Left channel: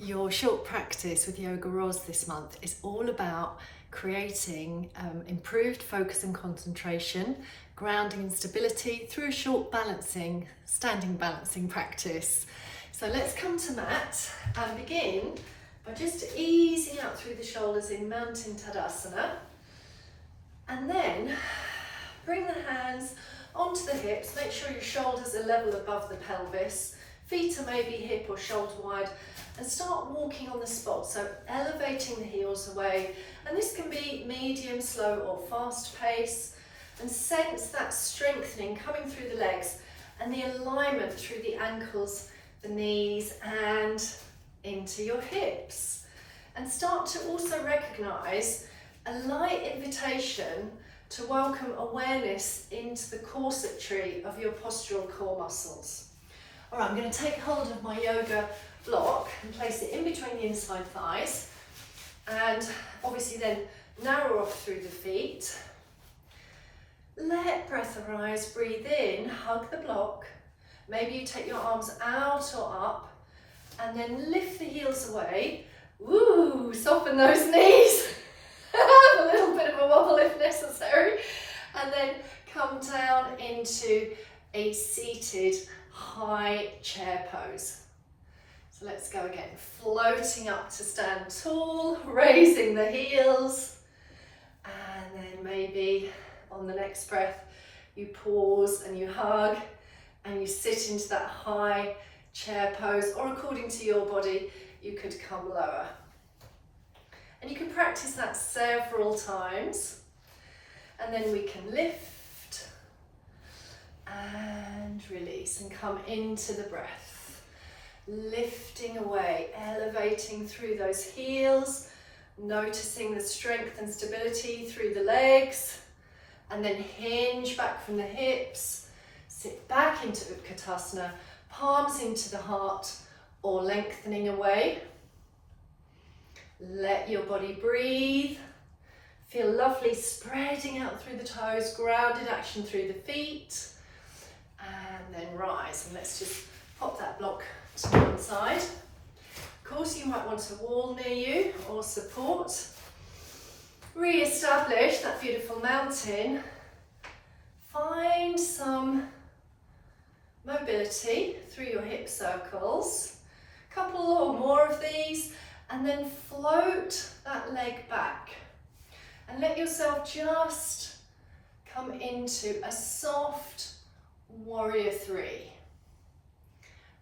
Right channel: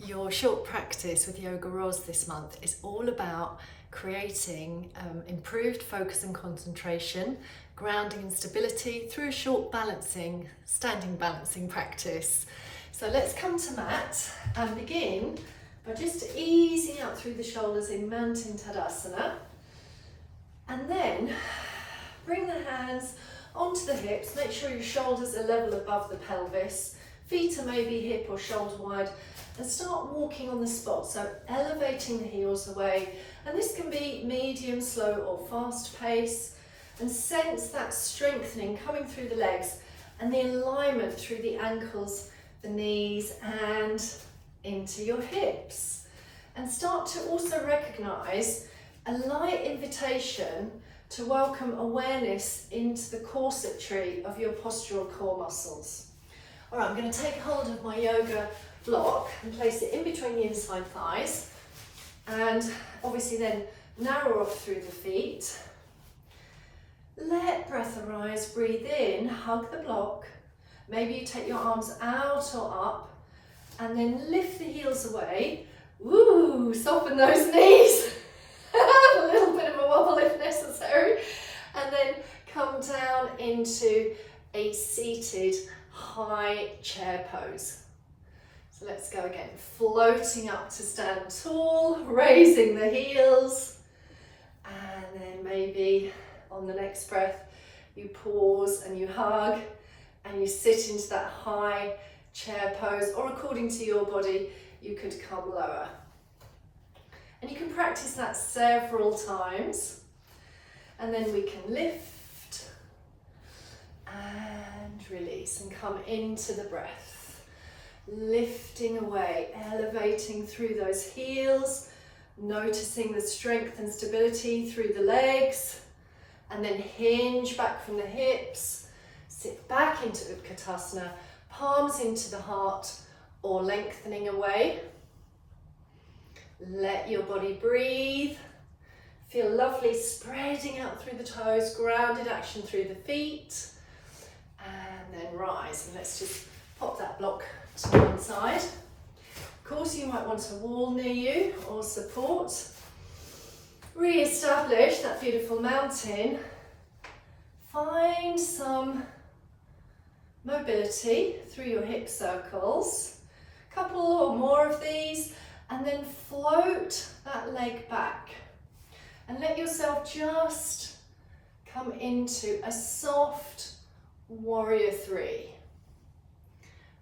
Your short practice with Yoga Roz this month is all about creating improved focus and concentration, grounding and stability through a short standing balancing practice. So let's come to mat and begin by just easing out through the shoulders in Mountain Tadasana. And then bring the hands onto the hips, make sure your shoulders are level above the pelvis, feet are maybe hip or shoulder wide, and start walking on the spot, so elevating the heels away. And this can be medium, slow or fast pace, and sense that strengthening coming through the legs and the alignment through the ankles, the knees and into your hips. And start to also recognise a light invitation to welcome awareness into the corsetry of your postural core muscles. All right, I'm going to take hold of my yoga block and place it in between the inside thighs, and obviously then narrow off through the feet. Let breath arise, breathe in, hug the block. Maybe you take your arms out or up and then lift the heels away. Woo, soften those knees. A little bit of a wobble if necessary. And then come down into a seated high chair pose. So let's go again, floating up to stand tall, raising the heels, and then maybe on the next breath you pause and you hug and you sit into that high chair pose, or according to your body you could come lower. And you can practice that several times, and then we can lift and release and come into the breath. Lifting away, elevating through those heels, noticing the strength and stability through the legs, and then hinge back from the hips, sit back into Utkatasana, palms into the heart or lengthening away. Let your body breathe, feel lovely spreading out through the toes, grounded action through the feet, and then rise. And let's just pop that block to one side. Of course, you might want a wall near you or support. Re-establish that beautiful mountain. Find some mobility through your hip circles. A couple or more of these, and then float that leg back. And let yourself just come into a soft warrior three.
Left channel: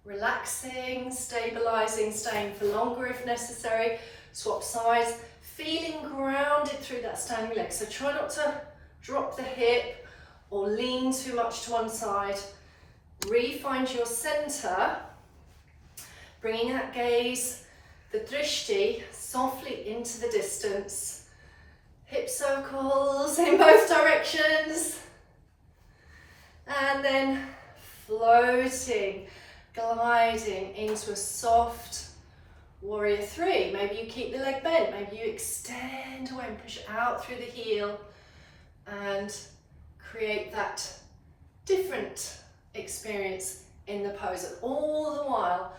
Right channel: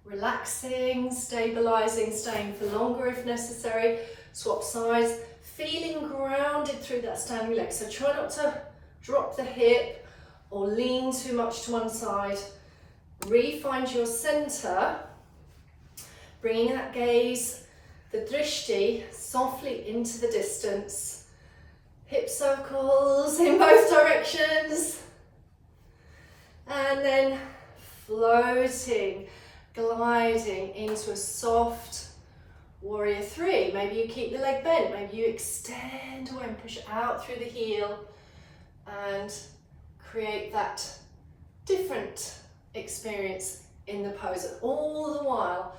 Relaxing, stabilizing, staying for longer if necessary. Swap sides, feeling grounded through that standing leg. So try not to drop the hip or lean too much to one side. Re-find your center, bringing that gaze, the drishti, softly into the distance. Hip circles in both directions. And then floating, gliding into a soft warrior three. Maybe you keep the leg bent, maybe you extend away and push out through the heel and create that different experience in the pose, and all the while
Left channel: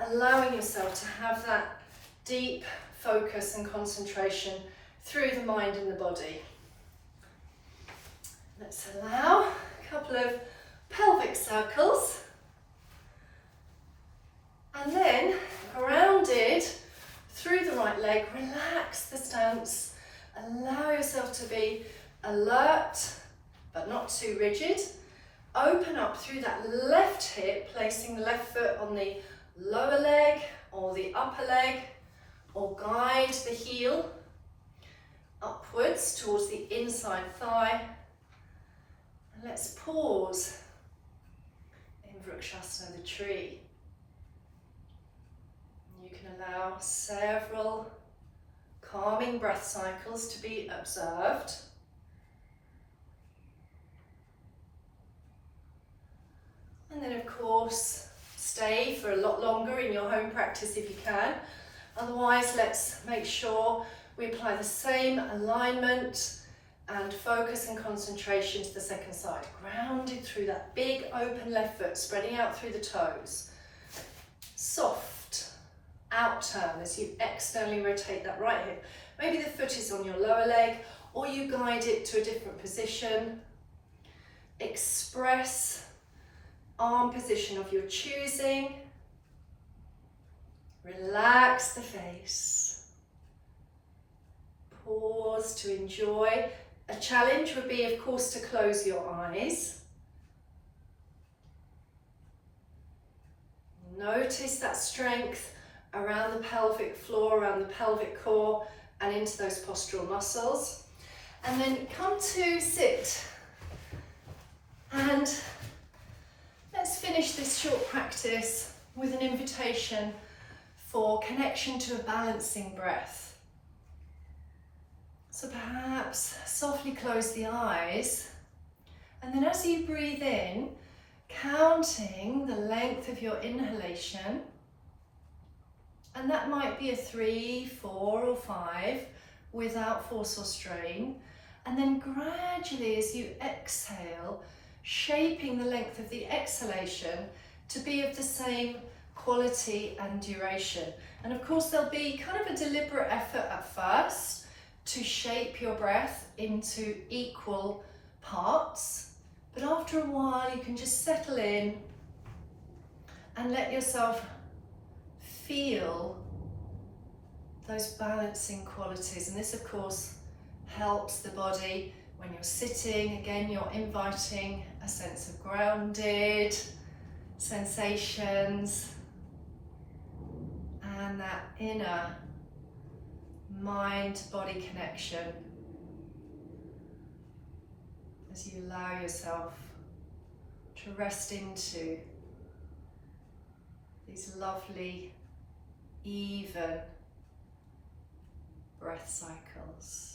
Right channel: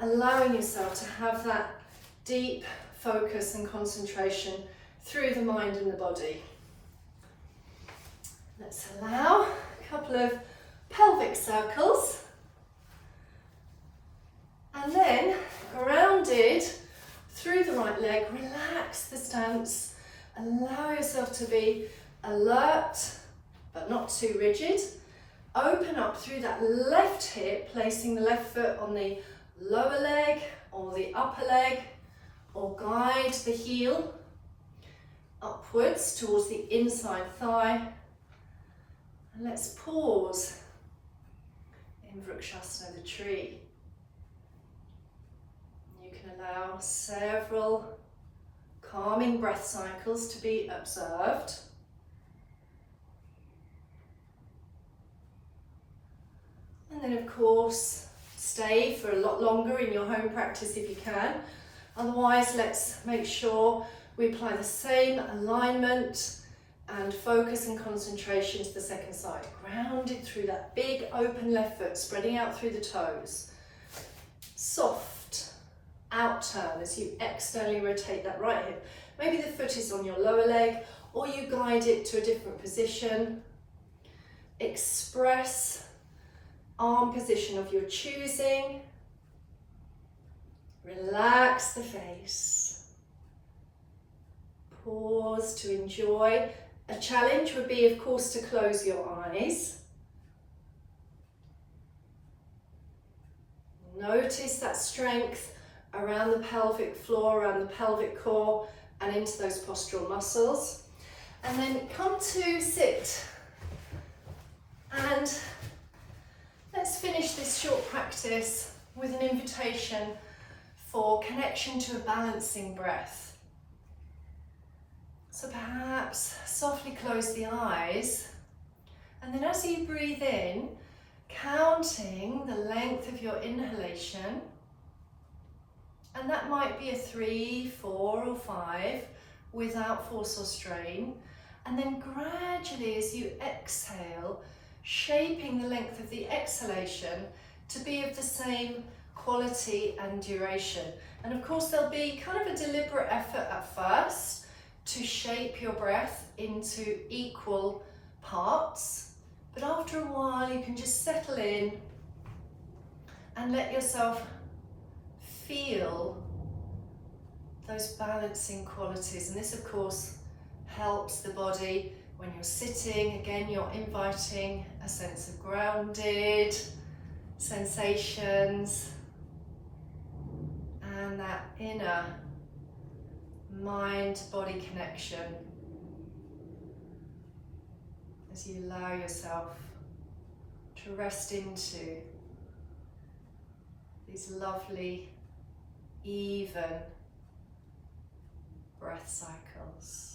allowing yourself to have that deep focus and concentration through the mind and the body. Let's allow a couple of pelvic circles. And then, grounded through the right leg, relax the stance. Allow yourself to be alert, but not too rigid. Open up through that left hip, placing the left foot on the lower leg or the upper leg, or guide the heel upwards towards the inside thigh. And let's pause in Vrikshasana, the tree. Allow several calming breath cycles to be observed. And then of course, stay for a lot longer in your home practice if you can. Otherwise, let's make sure we apply the same alignment and focus and concentration to the second side. Grounded through that big open left foot, spreading out through the toes. Soft out turn as you externally rotate that right hip. Maybe the foot is on your lower leg, or you guide it to a different position. Express arm position of your choosing. Relax the face. Pause to enjoy. A challenge would be, of course, to close your eyes. Notice that strength around the pelvic floor, around the pelvic core, and into those postural muscles. And then come to sit. And let's finish this short practice with an invitation for connection to a balancing breath. So perhaps softly close the eyes, and then as you breathe in, counting the length of your inhalation, and that might be a 3, 4 or 5 without force or strain, and then gradually as you exhale, shaping the length of the exhalation to be of the same quality and duration. And of course there'll be kind of a deliberate effort at first to shape your breath into equal parts, but after a while you can just settle in and let yourself feel those balancing qualities. And this of course helps the body when you're sitting. Again, you're inviting a sense of grounded sensations and that inner mind-body connection as you allow yourself to rest into these lovely, even breath cycles.